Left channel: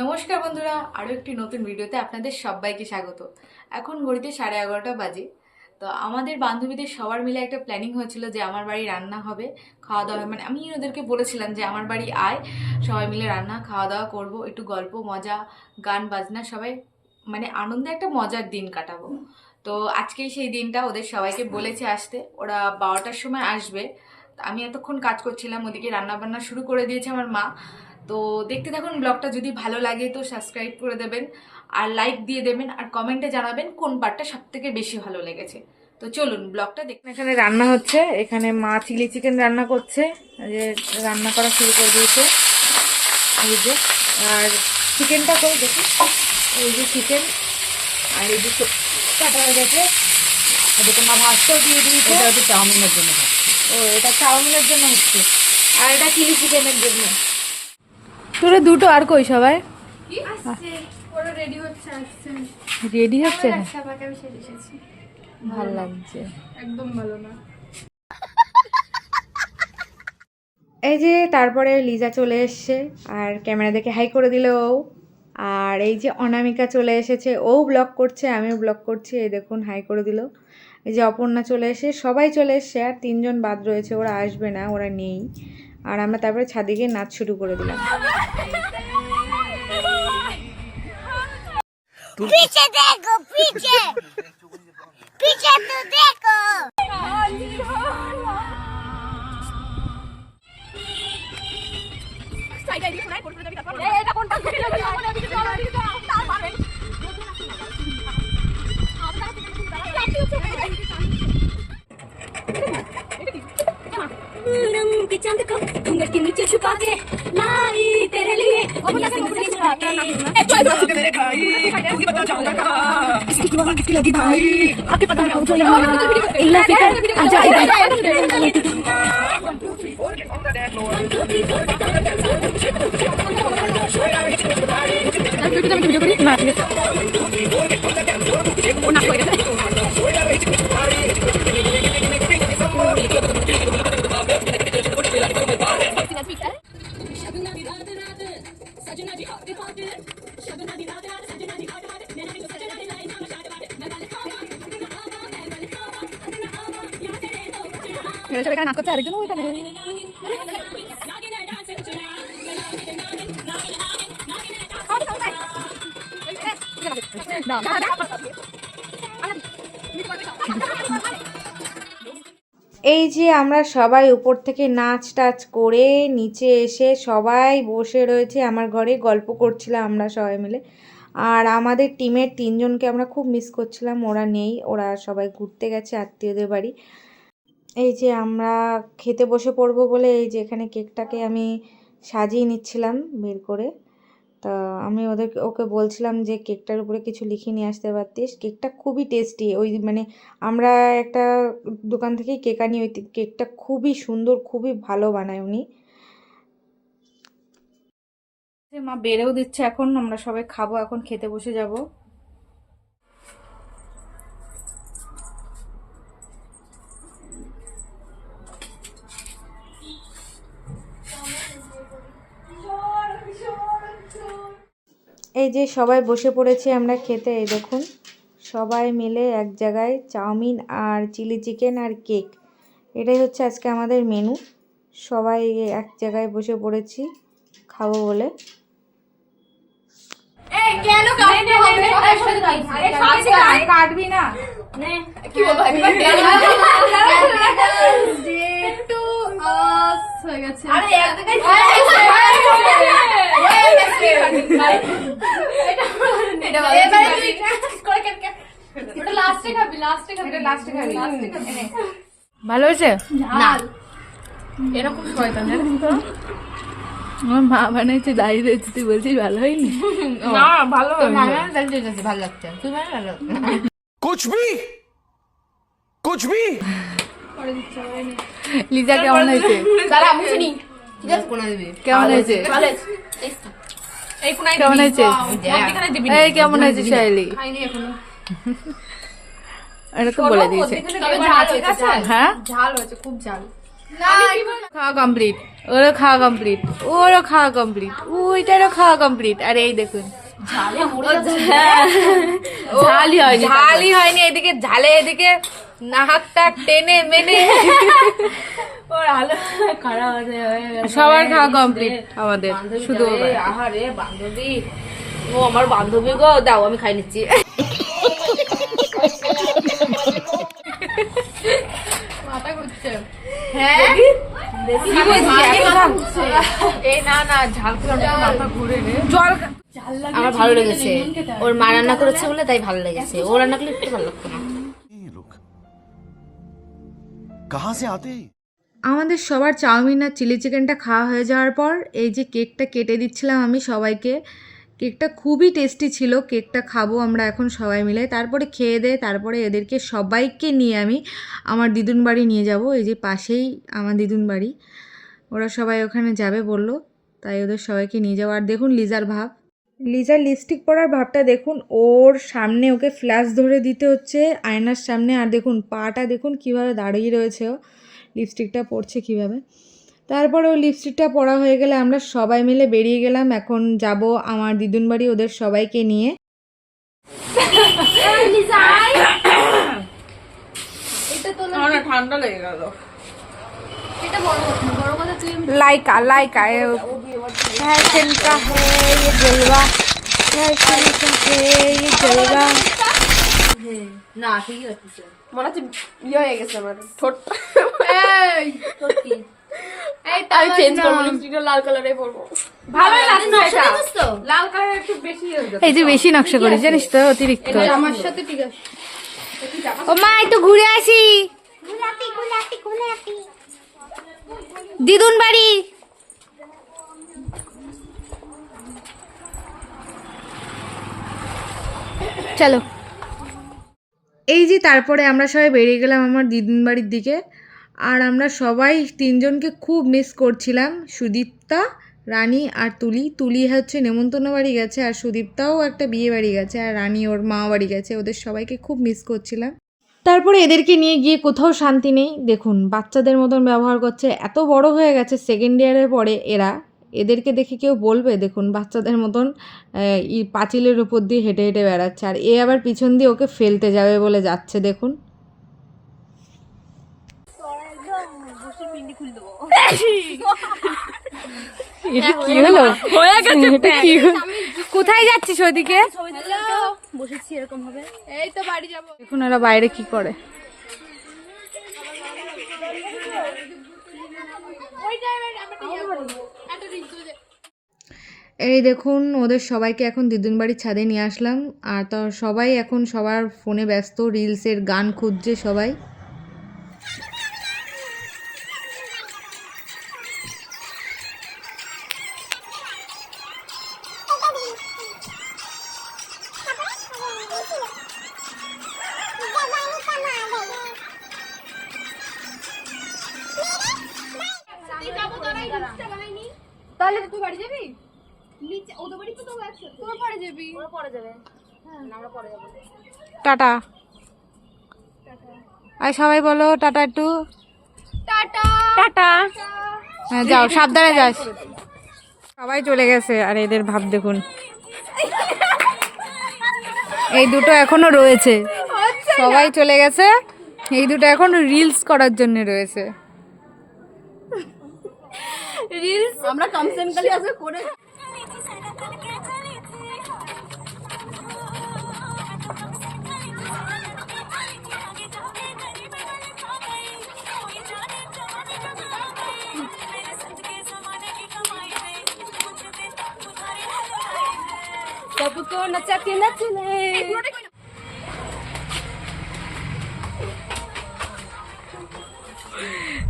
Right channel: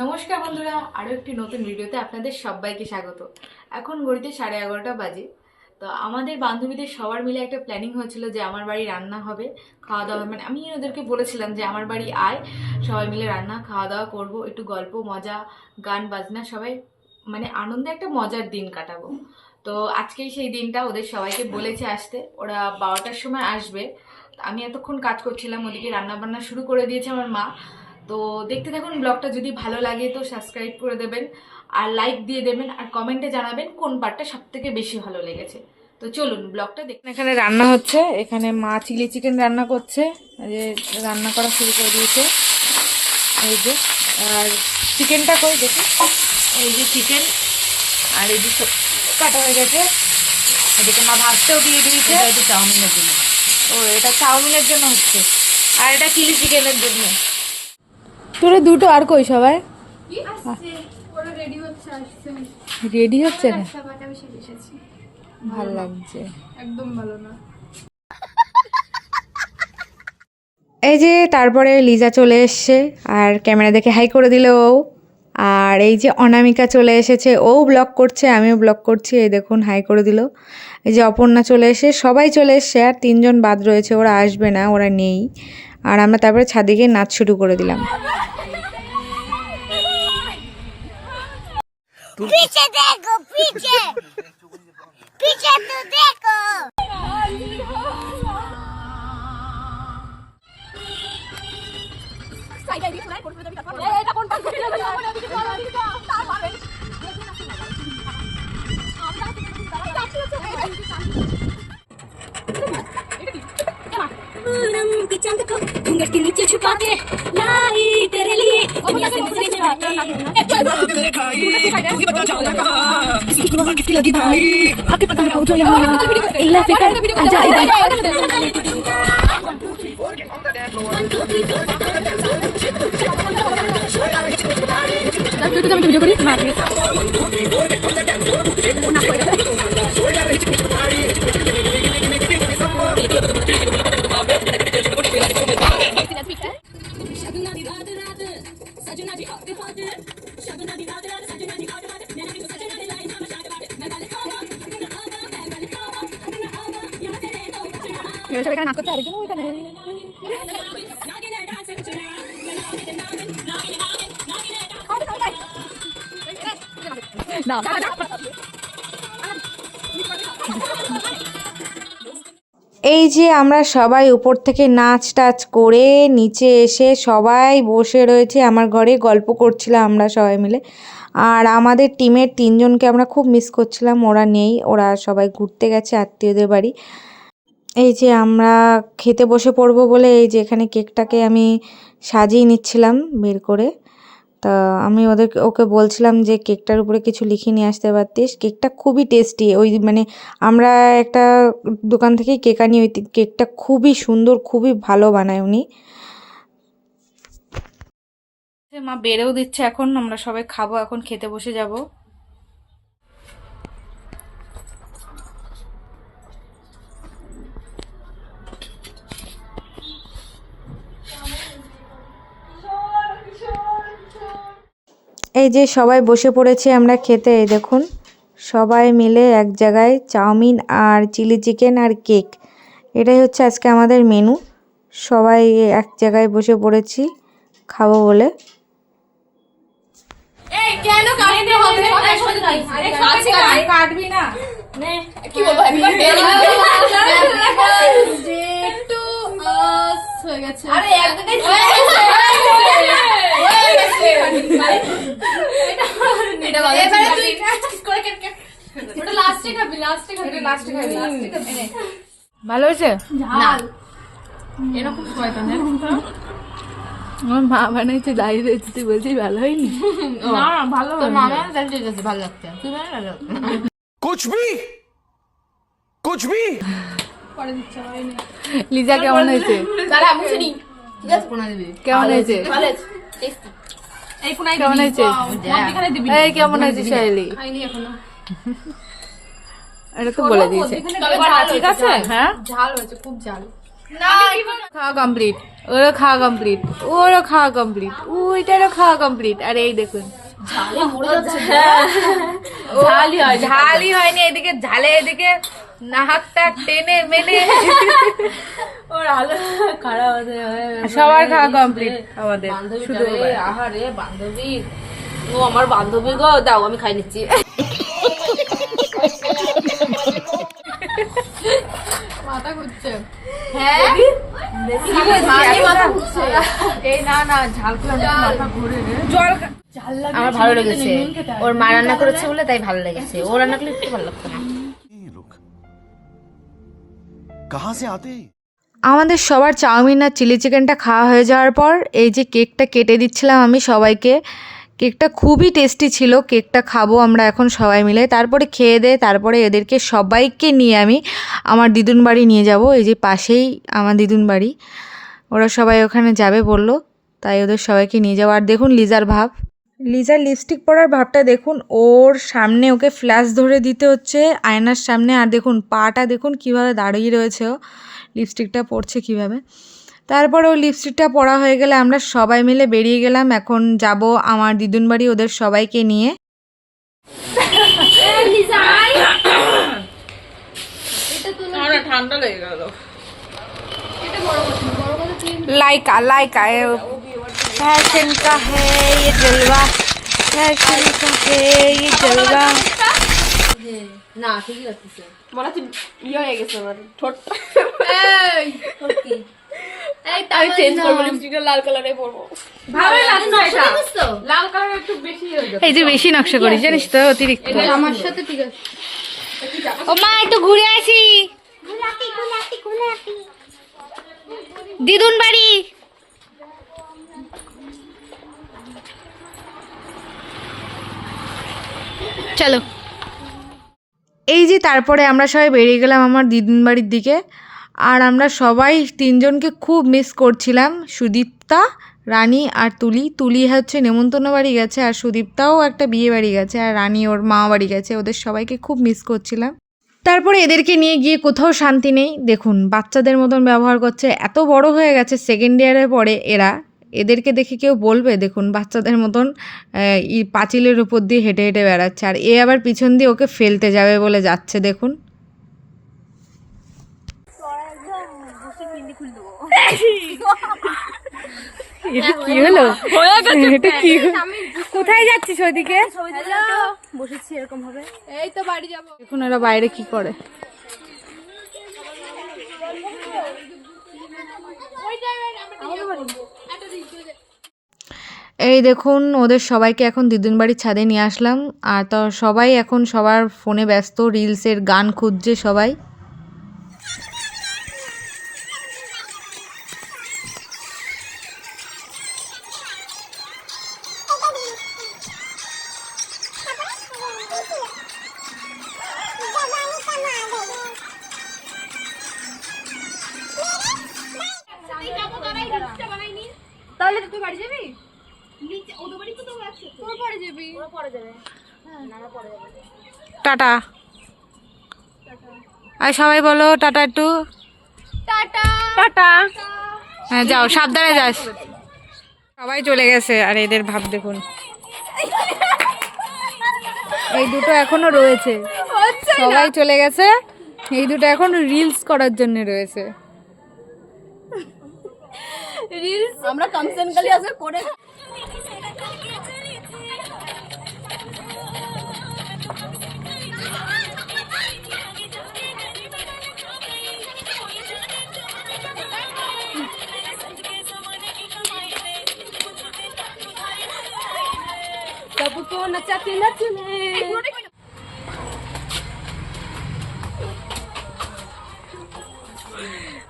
নমস্কার বন্ধুরা, আরও একটি নতুন ভিডিওতে আপনাদের সবাইকে স্বাগত। এখন ঘড়িতে 11:30 বাজে। তো আমাদের বান্ধবীদের সবার মিলে একটা প্ল্যানিং হয়েছিল যে আমার বাড়ি রান্না হবে, খাওয়া দাওয়া, মানে আমি ওদেরকে বলেছিলাম যে আমার বাড়ি আয়, সবাই মিলে রান্না খাওয়া দাওয়া করব, একটু গল্প মজা গান বাজনা সবাই মানে আনন্দে একটা মজার দিন কাটাবো। তো আজকেই সেই দিনটা, ওদের সবাইকে বলেছে আসতে, ওরা 12টার সময় আসবে। আমি এতক্ষণ কাজ করছিলাম, ওদিকে রান্না বান্না শুরু করে দিয়েছে আমার মা। তো দেখতে থাকুন ব্লগটা, যদি ভালো লাগে তো সাবস্ক্রাইব করে দেবেন আর লাইক দিয়ে দেবেন আর কমেন্টে জানাবেন কোন পার্টটা সব থেকে বেশি ভালো লেগেছে। তো চলুন ব্লগটা দেখুন। এখানে রান্না হচ্ছে, এখানে মা চিলি চিকেন রান্না করছে, যে রান্না করা শুরু করে দিয়েছে। এই যে আর চিকেনটা করে দেখুন, এই যে চিকেন আর এই যে কাটা হয়ে গেছে, এদিকে মা ভাজতেও দিয়ে দিয়েছে। চাউমিনের জন্য, ও এটা চাউমিনের জন্য হচ্ছে, আর এটা চিলি চিকেনের জন্য। তোরা দুটো আর কই সবাই রেডি হচ্ছে না? ভাল লাগছে, একদম ভালো না। এই যে তারপরে লিজা চলে এসছে আর ক্যামেরা দেখে হাই করে দিল ও। আর এই যে অনামিকা চলে এসেছে, ও ব্লগ করছে, আমিও ব্লগ করছি, এই দেখুন হাই করে দিল। এই যে অপর্ণা চলে এসে, সবাই চলে এসছে, আর 3জন বাদ রয়েছে, ওরা আসবে না, ওরা নেই। আর আমরা তারপরে ছাদে গিয়ে নাচ শুরু করে দিলাম। पीछे देखो पीछे पीछे तो देखो चांद को घूंघट के नीचे छुपा के लाई तेरे लिए किसकी लगी भाई आके पता लगाओ जो यहाँ इल्ला फिकर आजा इधर এখানে নাচ করছে, আরেকজন ওইখানে। এই যে আমরা সবাই উপর থেকে নাচ টাচ করে নিচে এসে সবাই বসে রয়েছে আমার ঘরে, গল্প করছিলাম আমরা সবাই মিলে। আর আমাদের টিমের 3জনকে আমরা খুব মিস করছিলাম, ওরা নেই, ওরা সবাই ঘুরতে গেছে আত্মীয়দের বাড়ি। এই যে আমরা খেতে বসে পড়বো বলে এই যে এখানে কেকটাকে আমি সাজিয়ে নিচ্ছিলাম বের করে। তা আমি ওকে বলছিলাম যে কেকটার উপরে কিছু লিখে নিয়ে আসতে পারতিস। কেকটা খুবই টেস্টি, ওই মানে আমরা একটা দোকান থেকেই কেক আনি, ওই কেকটা খুবই সুন্দর, খুবই ভালো বানায় উনি। মা বেড়েও দিচ্ছে, এখন আমরা সবাই খাবো, এখন খেতে বসে যাব। এই যে সবাই বসে পড়েছি আমরা খেতে, এই দেখুন সবাই মিলে এক জায়গায় চাউমিন আর চিলি চিকেন আর কেক, এটাই হচ্ছে আজকে আমাদের মেনু। সবাই এক জায়গায় বসে পড়েছি খাবো বলে। কাটবি না কি বলবো, হয়ে গেছে। ভালো হয়েছে না? এরকম শয়তান জানেন তো, আমার মা বানাইছে, দাঁড়িয়ে রয়েছে, তুই বলছিস ভালো হয়নি? না ভালো, তো মামা দাঁড়িয়ে রয়েছে, ভালো লাগছে, তুই ভালো লাগছে কুছ ভি। লিজা কেমন হয়েছে? কেমন হয়েছে? কেমন হয়েছে? এই কেমন হয়েছে শাইলি? এটা তো বলে দিয়েছে। হ্যাঁ ঝাল হয়েছে, খুব ঝাল। খাওয়া কমপ্লিট, ওরও খাওয়া কমপ্লিট, ওরও খাওয়া কমপ্লিট, ওইটারও খাওয়া কমপ্লিট। আর এই দেখুন ঝালই হয়নি, এদিকে ঝালে এদিকে নাকটা টেনে মেনে ওর আলো খারাপ হয়ে গেছে। সবার খাওয়া কমপ্লিট আমাদের, শুধু ওর ভাই। আহারে বান্ধবী, ও আমার বান্ধবী গো, দাও আমি খাই নিচ্ছি। মাথা ঘুরছে। হ্যাঁ আমার ভালো লেগেছে, ওর মা রান্না করেছে বলে তাই ভালো লেগেছে, ও রান্না করলে একটু ভালো লাগতো না। ये लोग कहाँ से आते हैं? আমাদের সবার চাউমিন আর চিলি চিকেনটা খাওয়া হয়ে যাওয়ার পর এই যে কেকটা কেটে দিচ্ছিলাম আমি সবাইকে। কেকটা খুবই টেস্টি ছিল, কেকটা খাবো আমরা এখন সবাই মিলে। তারপরে খেয়ে দিয়ে তারপরে এদেরকে সবাইকে নিয়ে আমি আমার দিদুন বাড়ি নিয়ে যাব। এই যে পাশেই আমার দিদুন বাড়ি, ওরা সবাই ওখানে যাবে বললো, তাই ওদের সবাইকে নিয়ে যাবো। আর দেখুন লিজার ভাব, লিজার লিপস্টিক পরার ভাবটা দেখুন, ওর সামনে ওকে ফ্ল্যাশ ধরে দিতে হচ্ছে আয়নার সামনে। আর দেখুন পাটা দেখুন কিভাবে দাঁড়িয়ে রয়েছে, ও লিপস্টিকটা পরছে কিভাবে। তারপরে ও লিপস্টিকটা পরা হয়ে গেলে আমরা সবাই মিলে বেরিয়ে গেলাম। এখন যাব আমার দিদুন বাড়ি ওদের সবাইকে নিয়ে। ঠান্ডা লেগে গেল। लाइका लाइका फैशन का है ये जलवा, फैशन का है ये जलवा। না ঠিকই লাগতেছে, মনে হচ্ছে ইয়ে হয়ে গেছে আমার ঠোঁটটা। আমি চেঞ্জ করবো, লিপস্টিকটা লাল কালারে পরবো। ভালো লাগছে এটা, লাল কালার একটু বেশি হয়ে গেছে। এই যে বেশি নকশা করিস জানিস তো, অতিরিক্ত। আমার সাথে ঠিক আছে। ও মা একটু ঘুরে আসি, দিদুন বাড়ি। চলো। এই যে তারপরে আমরা সবাই বেরিয়ে গেলাম আমার দিদুন বাড়ির দিকে। আর আমরা সবাই তিনজনকে খুব মিস করছিলাম, সুদীপ্তা, রানী আর তুলি। তুলি হচ্ছে নেমন্তন্ন বাড়ি গেছে, আর সুদীপ্তাও একটা বিয়ে বাড়ি গেছে, আর রানী ওর মামা বাড়ি গেছে। ওদের সবাইকে খুব মিস করছিলাম। তারপরে এদেরকে নিয়ে গিয়ে কোথাও শান্তি নেই। দেখুন বাচ্চাদের মতন ব্যবহার করছে, এত বড় হয়ে গেছে সেকেন্ড ইয়ারে পড়ে এরা। এদেরকে দেখে কেউ বলবে দেখুন বাচ্চাদের মতন পাঁচিলের উপর দিয়ে হেঁটে হেঁটে বেড়াচ্ছে। আর এ আবার পিছন দিয়ে ওকে ফেলতে যাবে বলে যাচ্ছে দেখুন। কি হলো, এটা কি কোথায় যাচ্ছিস ওইদিকে? বসেছি এরকম হবে। এই তো বাড়ি যাবো। দেখুন ওরা বাইরে কি করে। এই দেখুন ওদের সবাইকে এখন দিদুন বাড়ির ছাদে নিয়ে আসলাম। আর তো সবাই এখন সবার ফোনে ব্যস্ত, রিলসের গান খুঁজছে সবাই। তাহলে তুই বাড়ি যাবি? ওদের বাড়ি তো তোর আছে, তোর পরে যাবি। ওরা পরে যাবে, আমরা পরে যাবো। টাটা। আর সবাই বলো টাটা একটু। Tata tata. হ্যাঁ যাও, সাবধানে যাস। সবাই চলে গেছে আর এদের ভাব দেখুন, এই দুটো এখনো রয়েছে। সবাই চলে গেছে, এই দুটো এখন রিলস করার জন্য রয়েছে। রিলস আমরা কনসেন্টলি আজকে করে। सबको नचाते नचले।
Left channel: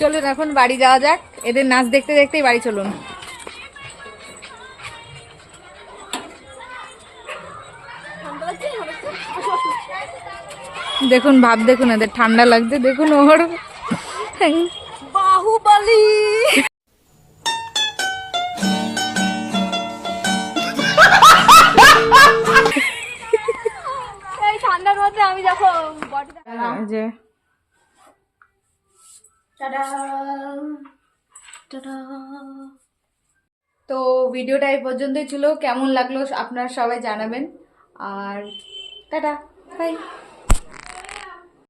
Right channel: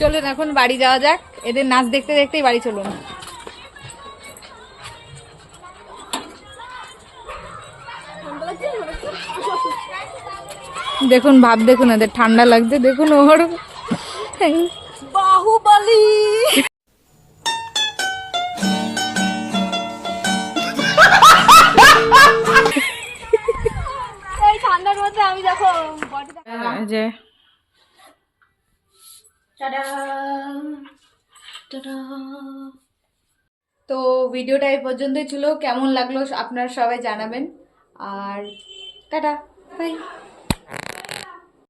চলুন এখন বাড়ি যাওয়া যাক, এদের নাচ দেখতে দেখতেই বাড়ি চলুন। দেখুন ভাব দেখুন, এদের ঠান্ডা লাগছে দেখুন। ওর বাহুবলী। এই ঠান্ডার মধ্যে আমি যখন যে টাটা টাটা। তো ভিডিওটা এই পর্যন্তই ছিল, কেমন লাগলো আপনারা সবাই জানাবেন, আর টাটা বাই।